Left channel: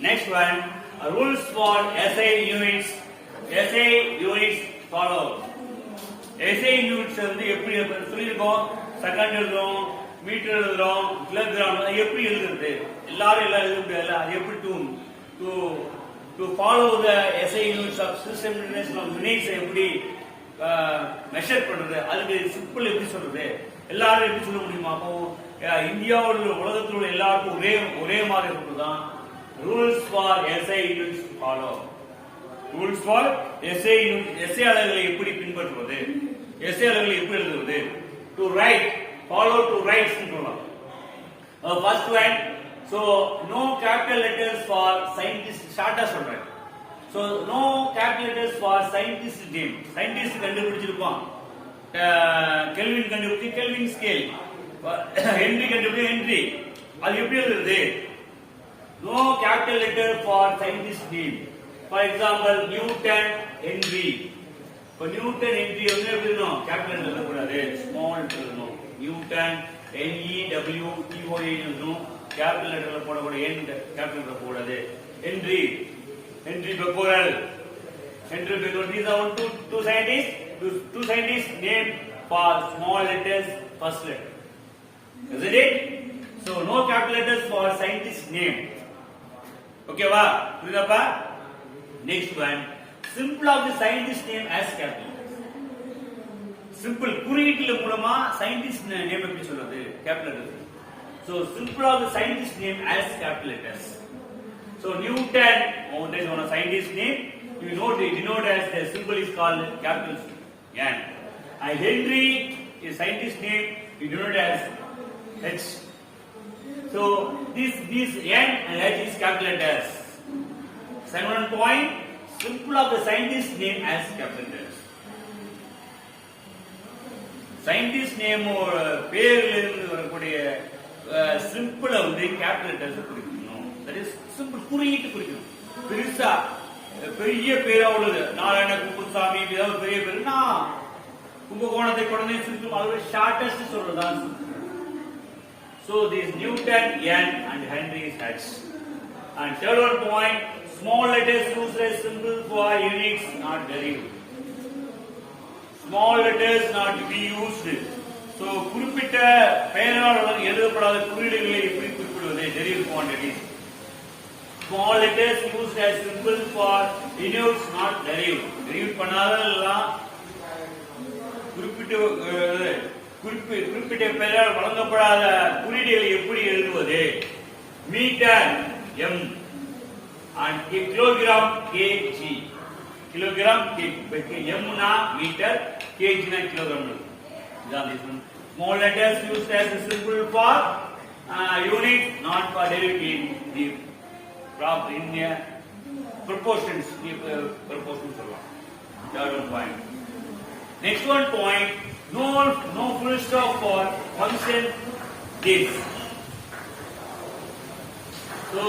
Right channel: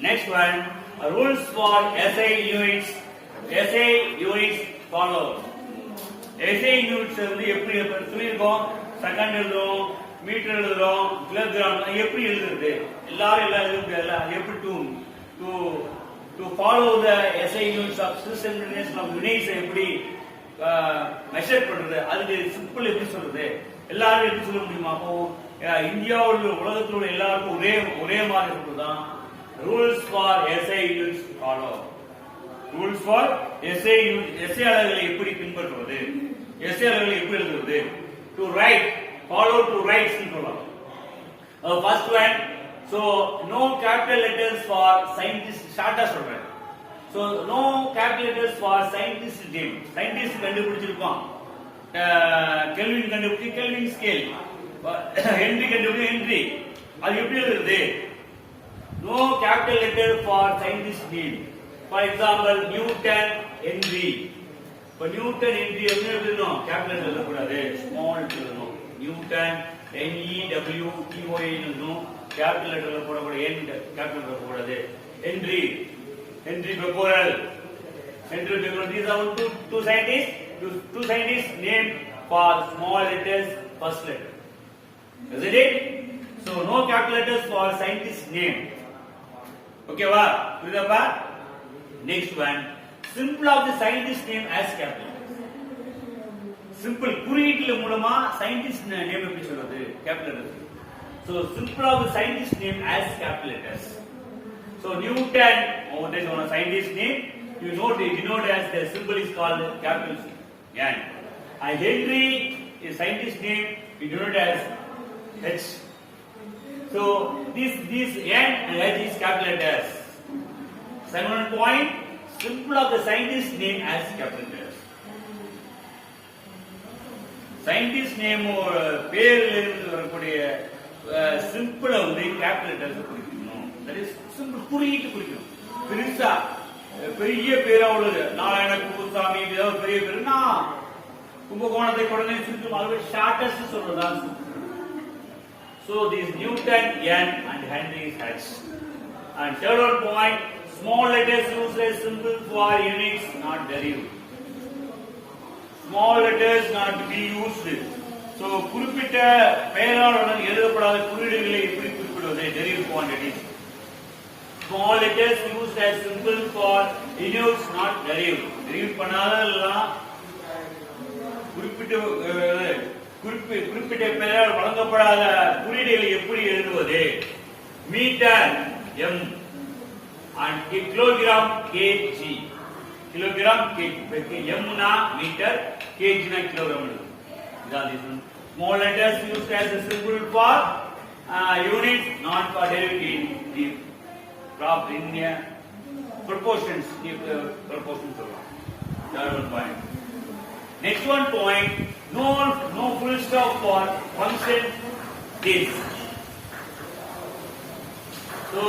Next one, rules for SI units. SI units follow. SI units வந்து எப்படி சொல்லியிருக்கோம்? செகண்ட் எழுதுறோம், மீட்டர் எழுதுறோம், கிலோகிராம் எப்படி எழுதுறது? எல்லாரும் எல்லாம் எழுதுறது எப்படி to follow the SI units of system international of units எப்படி மெஷர் பண்றது? அதுக்கு சிம்பிள் எப்படி சொல்றது? எல்லாரும் எப்படி சொல்ல முடியுமா? அப்போ இந்தியாவில் உலகத்தில் உள்ள எல்லாருக்கும் ஒரே மாதிரி இருக்குதான். Rules for SI units follow. Rules for SI units. SI அலகுகளை எப்படி பின்பற்றுவது? SI அலகுகளை எப்படி எழுதுவது? To write, follow to write சொல்லலாம். First one, so no capital letters for scientists. ஷார்ட்டா சொல்றேன். So no capital letters for scientist name. Scientist கண்டுபிடிச்சிருப்பான். கெல்வின் கண்டுபிடிச்சி கெல்வின் ஸ்கேல். ஹென்றி கண்டுபிடிச்சி ஹென்றி. அது எப்படி எழுதுறது? No capital letter for scientist name. For example, Newton, Henry. For Newton, Henry என்ன எழுதணும்? Capital letter கூடாது, small எழுதணும். Newton, N-E-W-T-O-N எழுதணும். Capital letter போடக்கூடாது, N capital letter கூடாது. Henry, Henry Becquerel. Henry Becquerel. These are two scientists. Two scientists name for small letters, first letter. Isn't it? So no capital letters for scientist name. Okay, va? Puriyappa? Next one. Simple of the scientist name as capital. Simple. குறியீட்டுல மூலமா scientist name எப்படி சொல்றது? Capital letters. So simple of the scientist name as capital letters. So Newton, there is one scientist name. You denote as the symbol is called capital N. And Henry is scientist name. We denote as H. So this N and H is capital letters. Second point, simple of the scientist name as capital letters. Scientist name or பேரிலிருந்து வரக்கூடிய சிம்பிளா வந்து capital letters குறிக்கணும். That is simple குறியீட்டு குறிக்கணும். பெருசா பெரிய பேரா உள்ளது நாராயண குப்புசாமி ஏதாவது பெரிய பேருனா கும்பகோணத்தை கொண்டு சுற்றும் அது ஷார்டஸ்ட் சொல்றதான். So this Newton N and Henry H. And third one point, small letters used as symbol for units not derived. Small letters not to be used. So குறிப்பிட்ட பெயராளுடன் எழுதப்படாத குறியீடுகளை எப்படி குறிப்பிடுவது? derived quantities. Small letters used as symbol for units not derived. derived பண்ணாதெல்லாம் குறிப்பிட்ட பெயரால் வழங்கப்படாத குறியீடுகளை எப்படி எழுதுவது? Metre M and kilogram kg. Kilogram M னா மீட்டர், kg னா kilogram. Small letters used as a symbol for unit not for derived in proportions. Proportions சொல்லலாம். Third one point. Next one point, no full stop for function this. So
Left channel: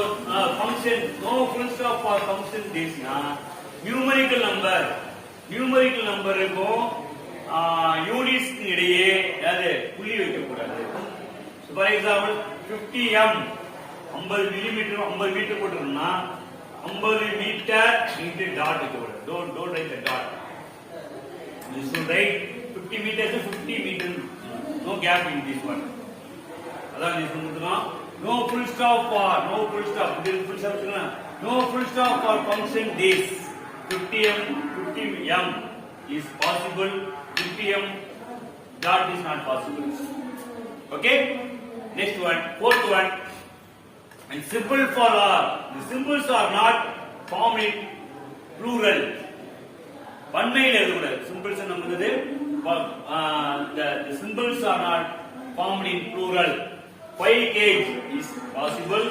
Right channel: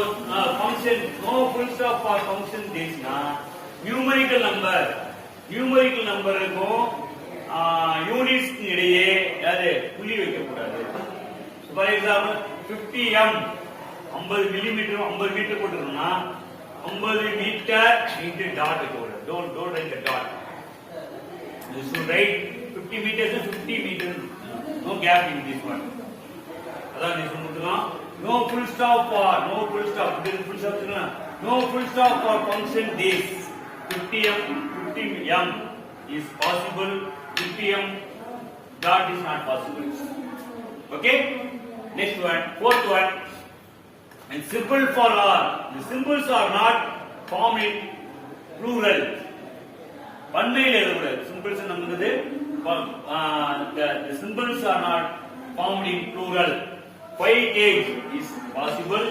function no full stop for function this na numerical number இருக்கும் units இடையே அது புள்ளி வைக்க கூடாது. For example 50m 50 millimetre 50 metre போட்டுருந்தோம்னா 50 metre into dot இருக்க கூடாது. don't write the dot. You should write 50 meters to 50 meters. No gap in this one. அதான் நீ சொல்லுங்க. No full stop for no full stop. This full stop சொல்லுங்க. No full stop for function this. 50m is possible. 50m dot is not possible. Okay. Next one, fourth one. And symbol for all. The symbols are not formed in plural. பன்மையில் எழுதக்கூடாது. symbols நமக்கு the symbols are not formed in plural. 5 kg is possible.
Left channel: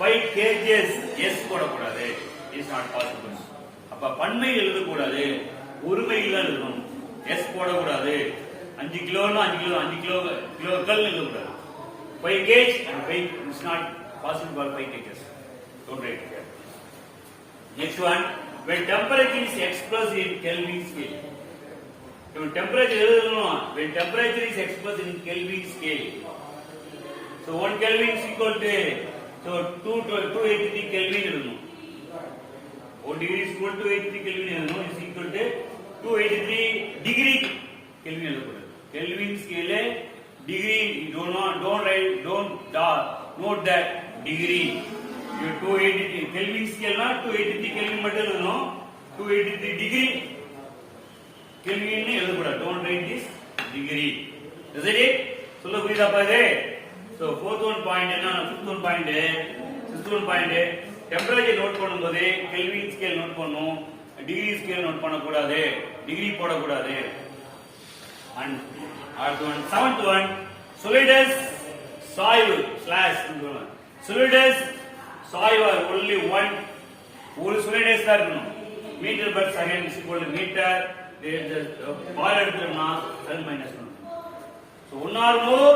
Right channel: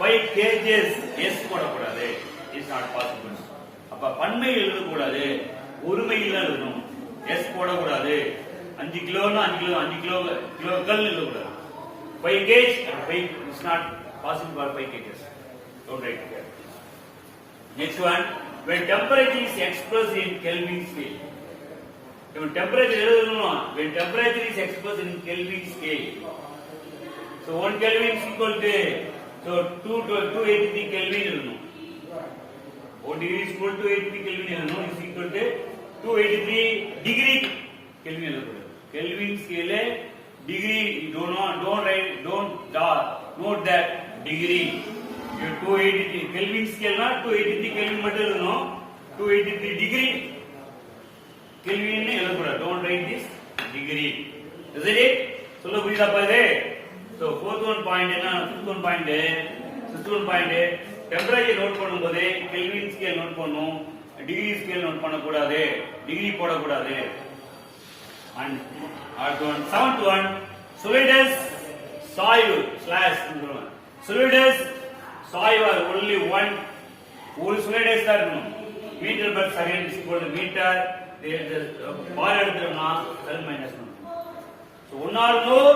5 kgs s போடக்கூடாது. is not possible. அப்ப பன்மையில் எழுதக்கூடாது, ஒருமையில் எழுதணும். s போடக்கூடாது. 5 கிலோனா 5 கிலோக்கள் எழுதக்கூடாது. 5 kg and 5 is not possible for 5 kgs. Don't write here. Next one, when temperature is expressed in Kelvin scale. When temperature is expressed in Kelvin scale. So 1 Kelvin is equal to So 283 Kelvin இருக்கணும். 1 degree is equal to 283 Kelvin இருக்கணும். Is equal to 283 degree Kelvin எழுதக்கூடாது. Kelvin scale degree don't write, don't note that degree. You 283 Kelvin scale na 283 Kelvin மட்டும் எழுதணும். 283 degree Kelvin எழுதக்கூடாது. Don't write this degree. Is it? சொல்ல புரியுதாப்பா இது? So fourth one point என்ன? fifth one point temperature note பண்ணும்போது Kelvin scale note பண்ணணும், degree scale note பண்ணக்கூடாது, டிகிரி போடக்கூடாது. And seventh one solidus soil slash solidus soil are only one solidus தான் இருக்கணும். Metre per second is equal to meter. பார் எடுத்துட்டோம்னா 7 minus 1. So one or more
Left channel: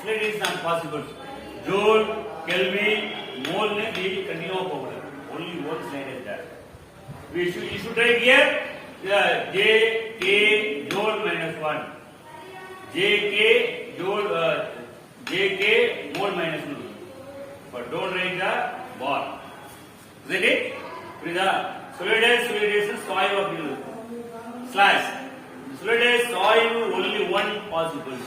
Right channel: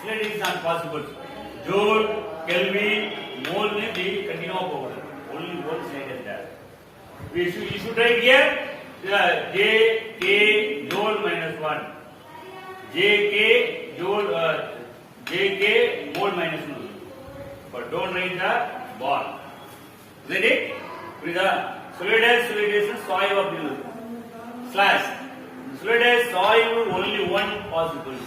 solidus is not possible. Joule, Kelvin, mole ne daily continue போகணும். Only one slide is there. We should write here J K joule minus 1. J K joule minus 1. But don't write the bar. Is it? With the solidus soil of the slash. Solidus soil only one possible.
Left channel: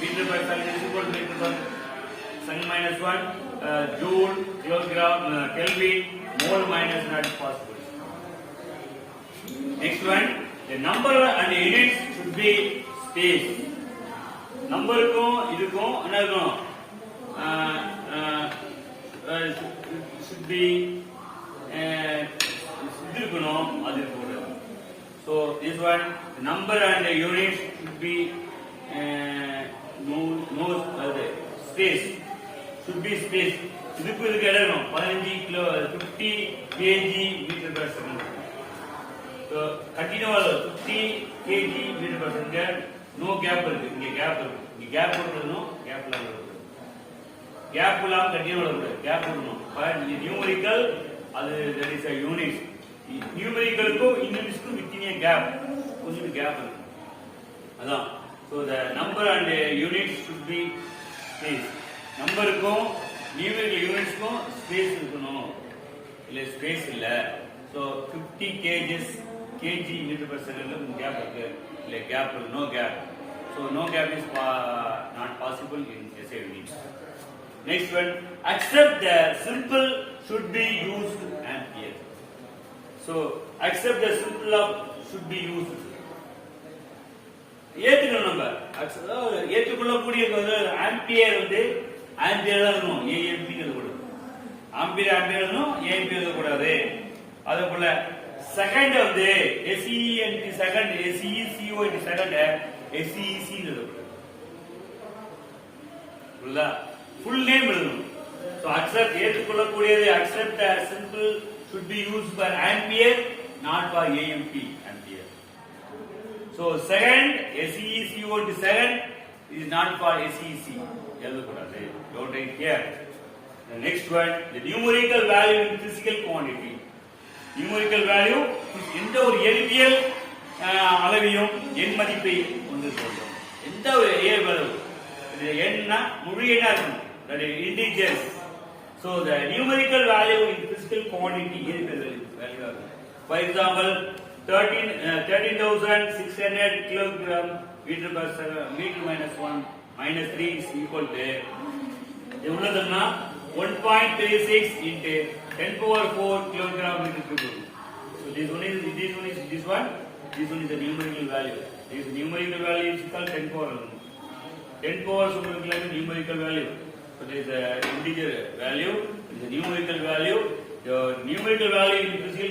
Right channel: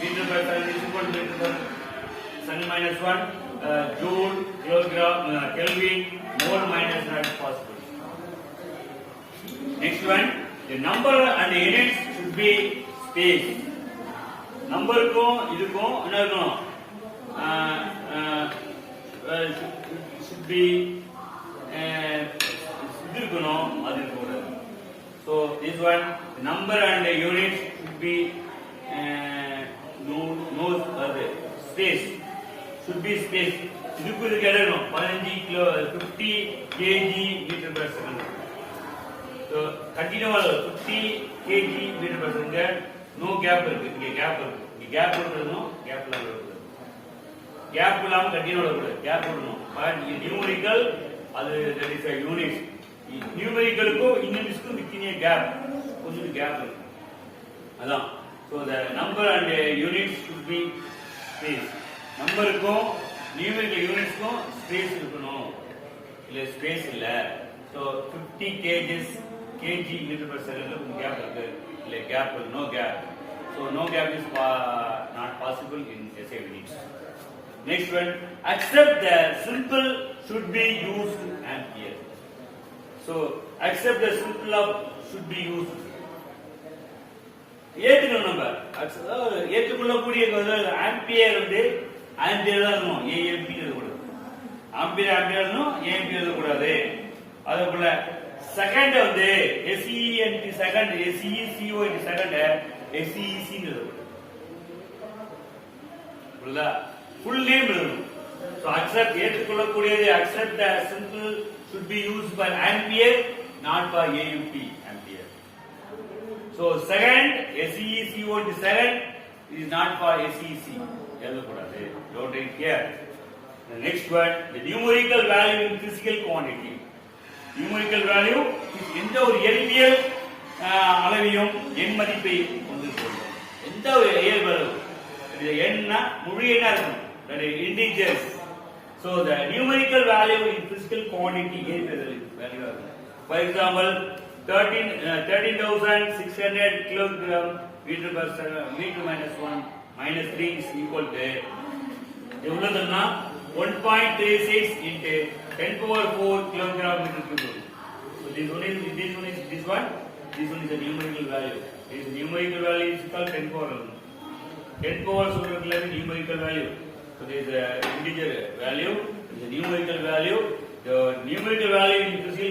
Meter per second is equal to meter per second minus 1. Joule, kilogram, Kelvin, mole minus not possible. Next one, the number and the units should be space. Number kum idukum enna should be idukanum adu poda. So this one, the number and the units should be space. Should be space. இதுக்கு எழுதணும் 15 கிலோ 50 kg meter per second. So continuous 50 kg meter per second. No gap இருக்கு. இங்க கேப் இருக்கு. கேப் போட்டுறணும். கேப்ல எழுதணும். கேப் இல்லாம கண்டினியூ எழுதணும். கேப் போடணும். but numerical அது that is a unit. numerical-க்கும் units-க்கும் between a gap. கொஞ்சம் கேப் இருக்கு. அதான். So the number and the units should be space. நம்பருக்கும் numerical units-க்கும் space இருக்கணும். இல்ல space இல்ல. So 50 kg meter per second gap இருக்கு. இல்ல gap no gap. So no gap is not possible in SI units. Next one, accept the simple should be used ampere. So accept the simple of should be used. ஏத்துக்கணும் நம்ம ஏற்றுக்கொள்ளக்கூடிய ஆம்பியர் வந்து ஆம்பியர் தான் இருக்கணும். ஏஎம்பி எழுதக்கூடாது. ஆம்பியர் எழுதக்கூடாது. அதே போல செகண்ட் வந்து SEND second SECO second SEC எழுதக்கூடாது. புரியுதா? ஃபுல் நேம் எழுதணும். ஸோ அக்செப்ட் ஏற்றுக்கொள்ளக்கூடியது accept simple should be used for ampere, not for AMP ampere. So second SECO second is not for SEC. Don't take care. The next one, the numerical value in physical quantity. Numerical value எந்த ஒரு எண்ணியல் அளவையும் எண் மதிப்பை கொண்டு சொல்றோம். எந்த ஒரு இயல்பளவு இது எண்ணா முழு எண்ணா இருக்கணும். that is integers. So the numerical value in physical quantity is, for example, 13,600 kilogram meter per second, meter minus 1 minus 3 is equal to 1.36 into 10 power 4 kilogram meter cube. So this one is the numerical value. This numerical value is called 10 power 4 numerical value. So this is integer value, this is numerical value. The numerical value in physical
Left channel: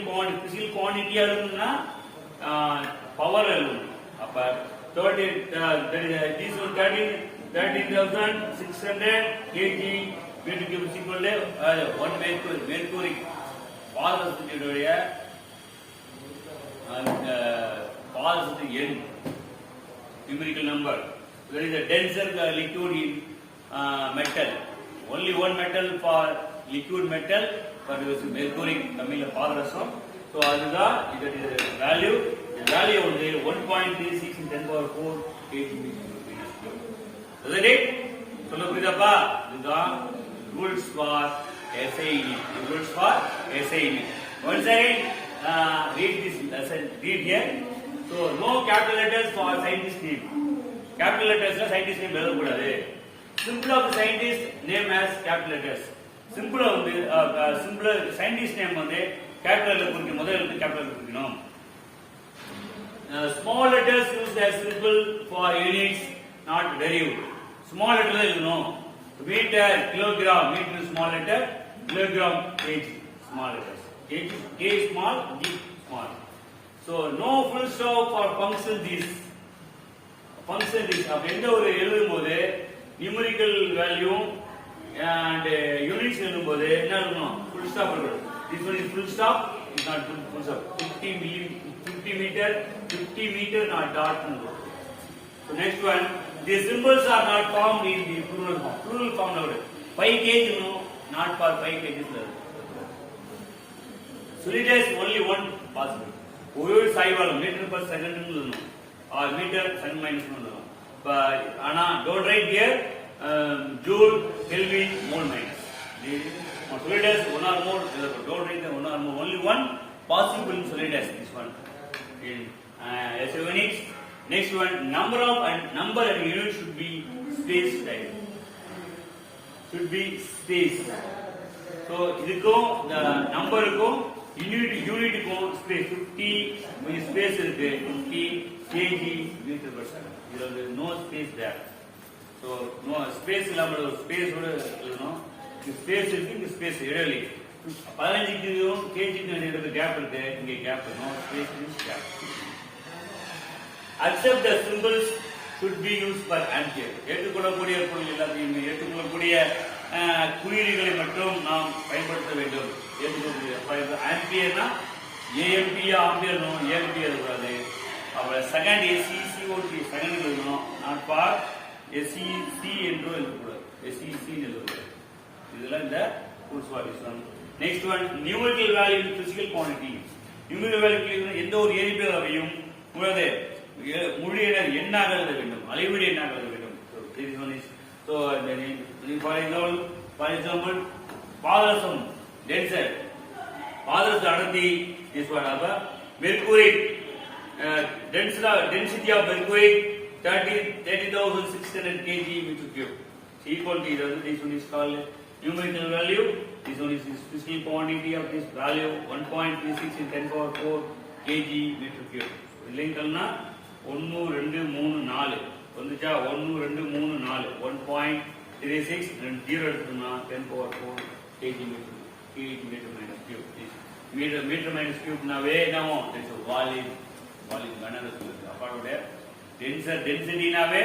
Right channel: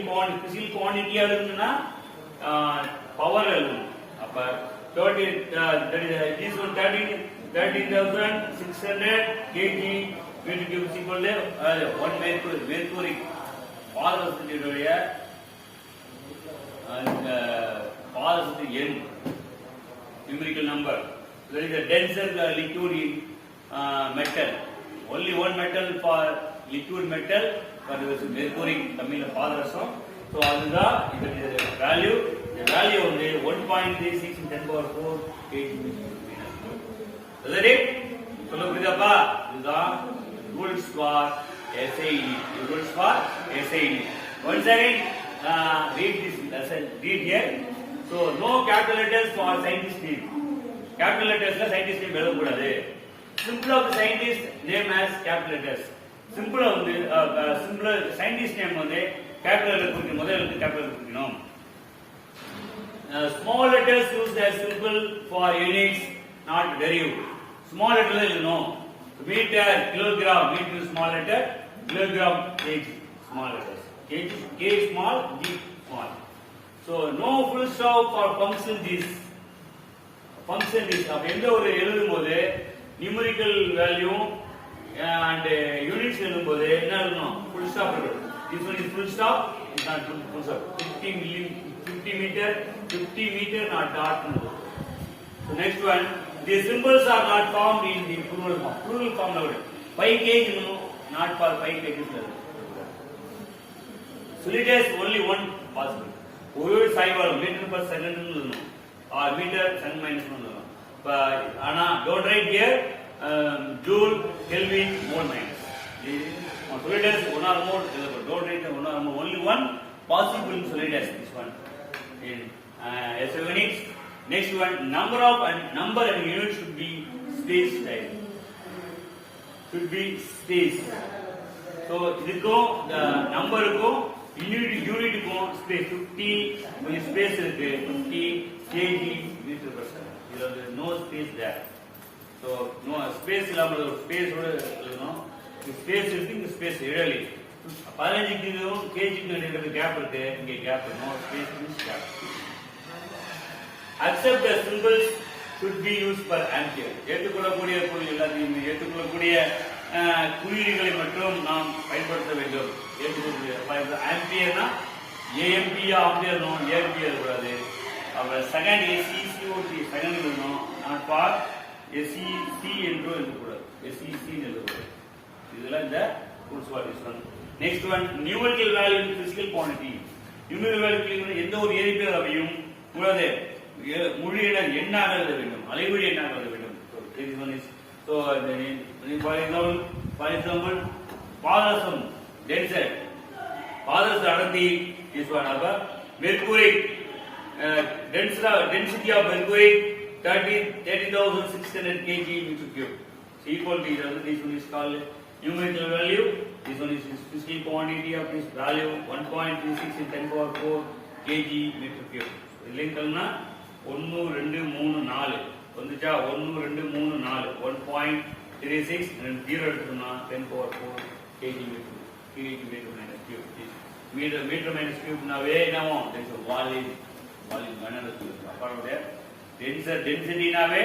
quantity alunna power alun. Appa 13 this one 13,600 kg meter cube is equal to 1 mercury பாதரசத்தினுடைய and பாதரசத்தின் எண் numerical number. There is a denser liquid in metal. Only one metal for liquid metal, but there is mercury coming in பாதரசம். So அதுதான் இது value. The value வந்து 1.36 in 10 power 4 kg. Is that it? சொல்ல புரியுதாப்பா? இதுதான் rules for SI unit. Rules for SI unit. Once again, read this lesson. Read here. So no capital letters for scientist name. Capital letters la scientist name எழுத கூடாது. Simple of the scientist name as capital letters. Simple of the simple scientist name வந்து capital letter குறிக்கணும். முதல்ல இருந்து capital letter குறிக்கணும். Small letters used as simple for units, not derivative. Small letter எழுதணும். Meter, kilogram, meter small letter, kilogram, kg small letters. Kg, K small, G small. So no full stop for function this. Function this. அப்ப எந்த ஒரு எழுதும்போது numerical value and units எழுதும்போது என்ன எழுதணும்? Full stop எழுதணும். This one is full stop, is not full stop. 50 meter not dot. So next one, the symbols are not formed in the plural form. Plural form now. 5 kg no, not for 5 kg. So it has only one possible. Over cycle meter per second or meter second minus 1. But Anna, don't write here joule, Kelvin, mole minus. Solid as one or more. Don't write one or more. Only one possible in solid as this one. Next one, number and unit should be spaced. Should be spaced. So இதுக்கும் the numberக்கும் unitக்கும் space 50 கொஞ்சம் space இருக்கு 50 kg meter per second. There is no space there. So no space இல்லாம space ஓட எழுதணும். Space இருக்கு இந்த space இடைவெளி 15 kg இடைவெளி கேப் இருக்கு இங்க gap no space in gap. Accept the symbols should be used per ampere. ஏற்றுக்கொள்ளக்கூடிய பொருள் எல்லாத்தையும் ஏற்றுக்கொள்ளக்கூடிய குறியீடுகளை மட்டும் நாம் பயன்படுத்த வேண்டும். ஏற்றுக்கொள்ளக்கூடிய ஆம்பியர்னா ஏஎம்பி ஆம்பியர் நோ ஏஎம்பி எழுதக்கூடாது. அவங்க செகண்ட் எஸ்இசிஓடி செகண்ட் எழுதணும். நான் ஃபார் எஸ்இசி என்று எழுதக்கூடாது. எஸ்இசி எழுதக்கூடாது. இதெல்லாம் இந்த rules for this one. Next one numerical value physical quantity. Numerical value எந்த ஒரு எண்ணிக்கையும் உள்ளது முடியினர் எண்ணாக எழுத வேண்டும். அளவீடு எண்ணாக எழுத வேண்டும். So for example பாதரசம் டென்சைட் பாதரச அடர்த்தி is one of mercury density of mercury 30,600 kg meter cube. Equal to this one is called numerical value. This one is physical quantity of this value 1.36 in 10 power 4 kg meter cube. இல்லைங்கள்னா 1 2 3 4 வந்துச்சா 1 2 3 4 1.36 and 0 எடுத்துனா 10 power 4 kg meter minus cube. meter minus cube நாவே என்னவோ this volume கனஅளவு அப்பறோட density நாவே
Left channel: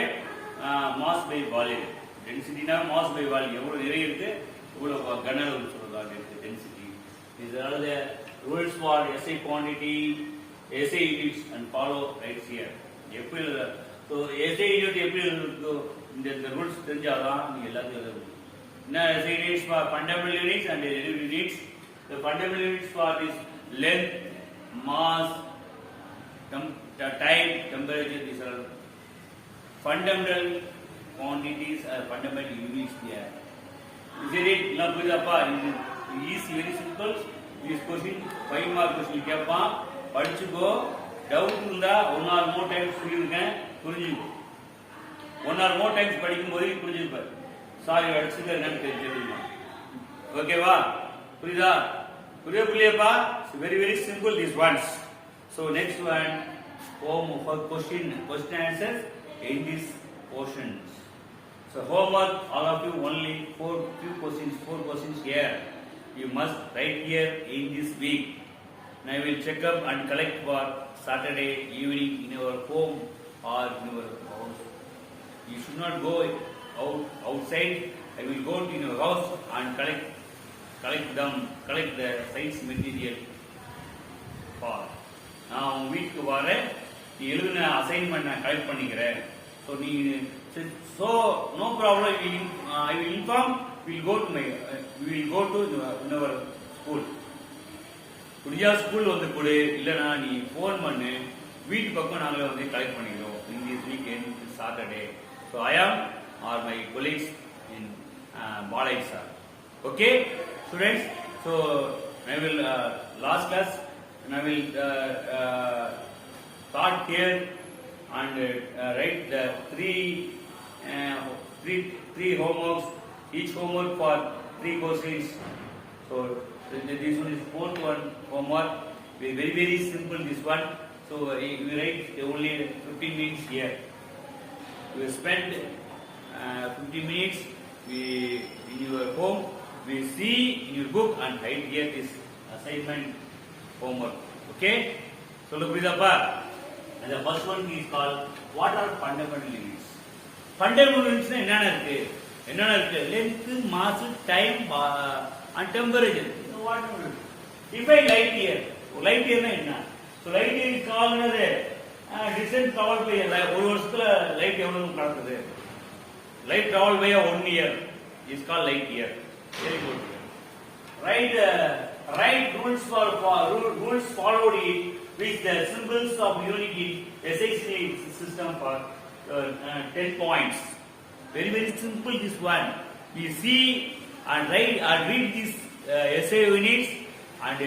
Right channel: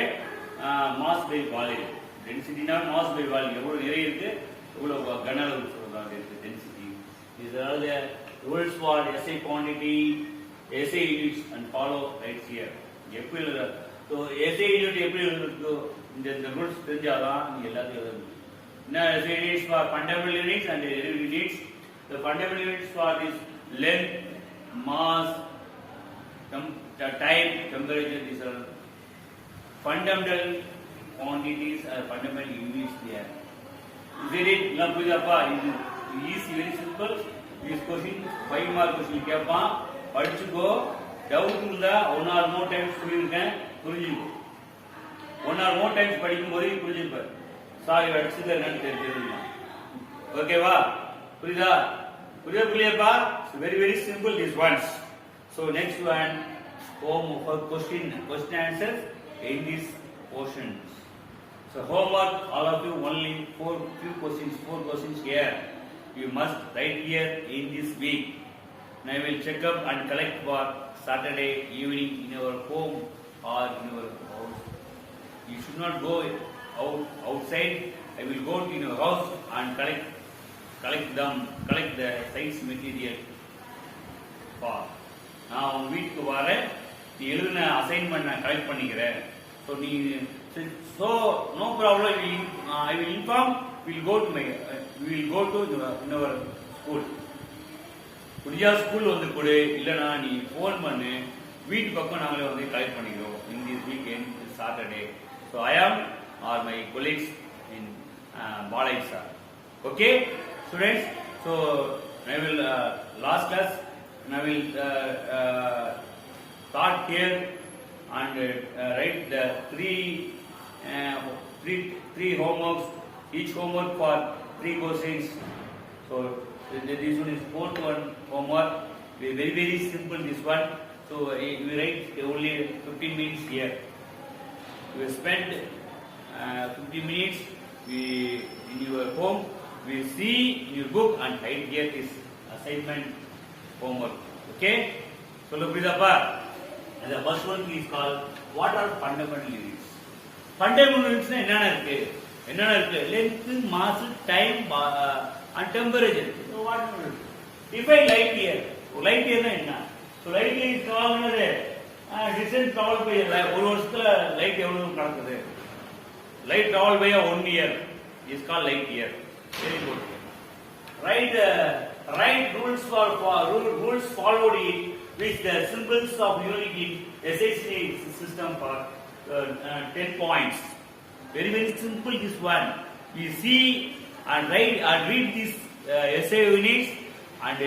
mass by volume. density நாவே mass by volume. எவ்வளவு நிறைய இருக்கு எவ்வளவு கனஅளவு சொல்றாங்க density. These are the rules for SI quantity, SI units and follow right here. எப்படி எழுத so SI unit எப்படி எழுதுறதோ இந்த ரூல்ஸ் தெரிஞ்சாதான் நீங்க எல்லாத்தையும் எழுதணும். என்ன SI units for fundamental units and units. The fundamental units for this length, mass, time, temperature. These are fundamental quantities or fundamental units there. Is it not புரியுதாப்பா? இது easy, very simple. This question 5 mark question கேட்பான். படிச்சுக்கோ. டவுட் இருந்தா one R மோர் டைம்ஸ் சொல்லியிருக்கேன் புரிஞ்சுக்கோ. One R மோர் டைம்ஸ் படிக்கும் போது புரிஞ்சுப்பாரு. சாரி அடிச்சுட்டு என்னன்னு தெரிஞ்சுக்கலாம். ஓகேவா? புரியுதா? புரியப்பா? Very very simple this ones. So next one, home for question answers in this portions. So homework, all of you only 4 questions here. You must write here in this week. And I will check up and collect for Saturday evening in your home or in your house. You should not go outside. I will go to your house and collect the science material for. நான் வீட்டுக்கு வரேன். நீ எழுதின அசைன்மெண்ட் நான் கலெக்ட் பண்ணிக்கிறேன். So no problem. I will inform. We will go to in our school. புரியா ஸ்கூல் வந்து கொடு இல்லைனா நீ ஃபோன் பண்ணு வீட்டு பக்கம் நாங்களே வந்து கலெக்ட் பண்ணிக்கிறோம் in this weekend Saturday. So I am or my colleagues in Balaji sir Okay, students. So I will last class, and I will start here and write the three homeworks. Each homework for 3 questions. So this one is 4th one homework. Very simple this one. So we write only 15 minutes here. We spend 15 minutes. In your home. We see in your book and write here this assignment homework. Okay? So look with the part. And the first one is called what are fundamental units? Fundamental units என்னென்ன இருக்கு? Length, mass, time and temperature. So what is it? Define light year. Light year என்ன? So light year is called distance traveled by ஒரு வருஷத்துல light எவ்வளவு நடக்குது? Light traveled by 1 year is called light year. Very good. Write rules rules followed in which the symbols of unit in SI system for 10 points. Very simple this one. You see and read these SI units and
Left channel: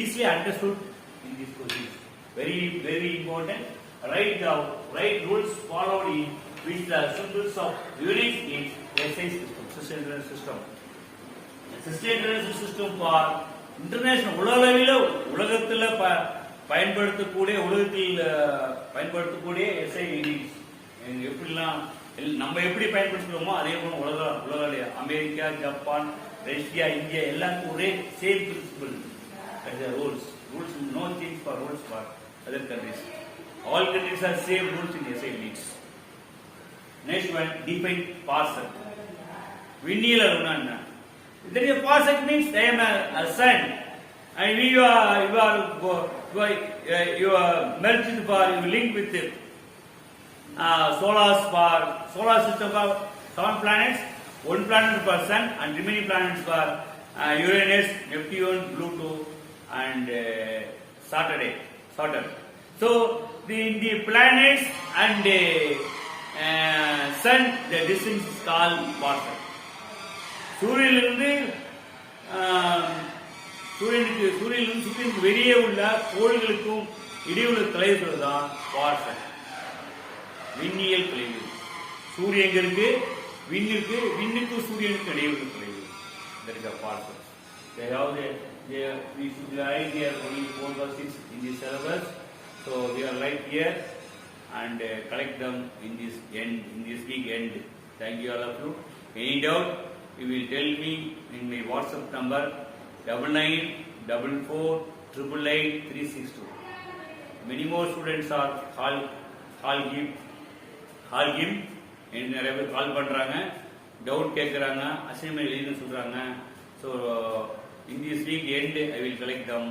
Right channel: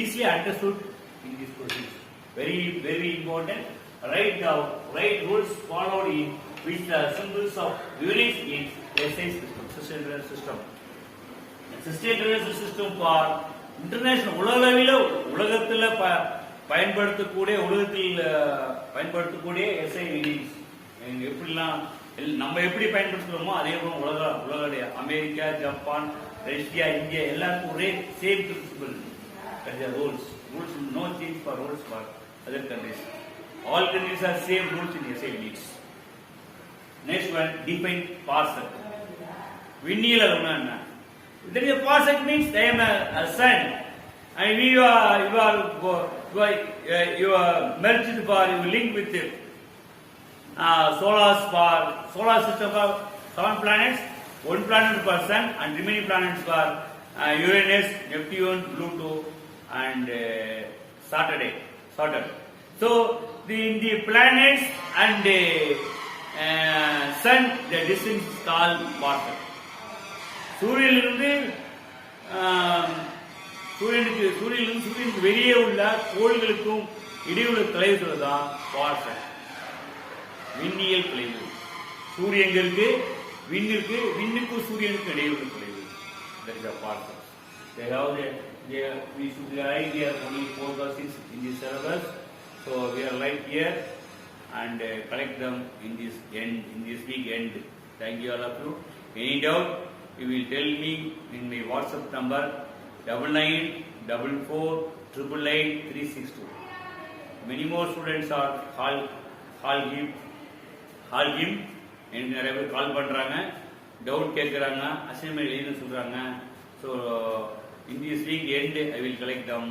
easily understood in this question. Very important. Write rules followed in which the symbols of units in SI system, System International System. System International System for international உலகத்தில் பயன்படுத்தக்கூடிய SI units. எப்படிலாம் நம்ம எப்படி பயன்படுத்துறோமோ அதே போல உலக America, Japan, Russia, India எல்லாருக்கும் ஒரே same principal. rules no change for rules for other countries. All countries are same rules in SI units. Next one, define parsec. விண்ணியல் அலுவலா என்ன? There is a parsec means I am a sun, and you are merged for you link with it. Solar system for 7 planets, 1 planet per sun, and remaining planets for Uranus, Neptune, Pluto, and Saturn. So in the planets and sun, the distance is called parsec. சூரியனிலிருந்து சூரியனுக்கு வெளியே உள்ள கோள்களுக்கும் இடையுள்ள தொலைவு தான் பாசக். விண்ணியல் தொலைவு. சூரியன் எங்க இருக்கு? விண்ணுக்கும் சூரியனுக்கும் இடையுள்ள தொலைவு. That is a parsec. We should write here only 4 questions in this syllabus. So we are right here and collect them in this week end. Thank you all of you. Any doubt? You will tell me in my WhatsApp number 9944888362. Many more students are call him எனக்கு நிறைய பேர் கால் பண்றாங்க, டவுட் கேட்கறாங்க, அசைன்மெண்ட் எழுத சொல்றாங்க. So in this week end I will collect them.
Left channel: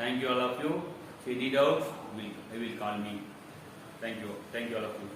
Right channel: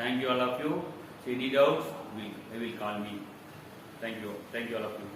Thank you all of you. If any doubt I will call me. Thank you all of you.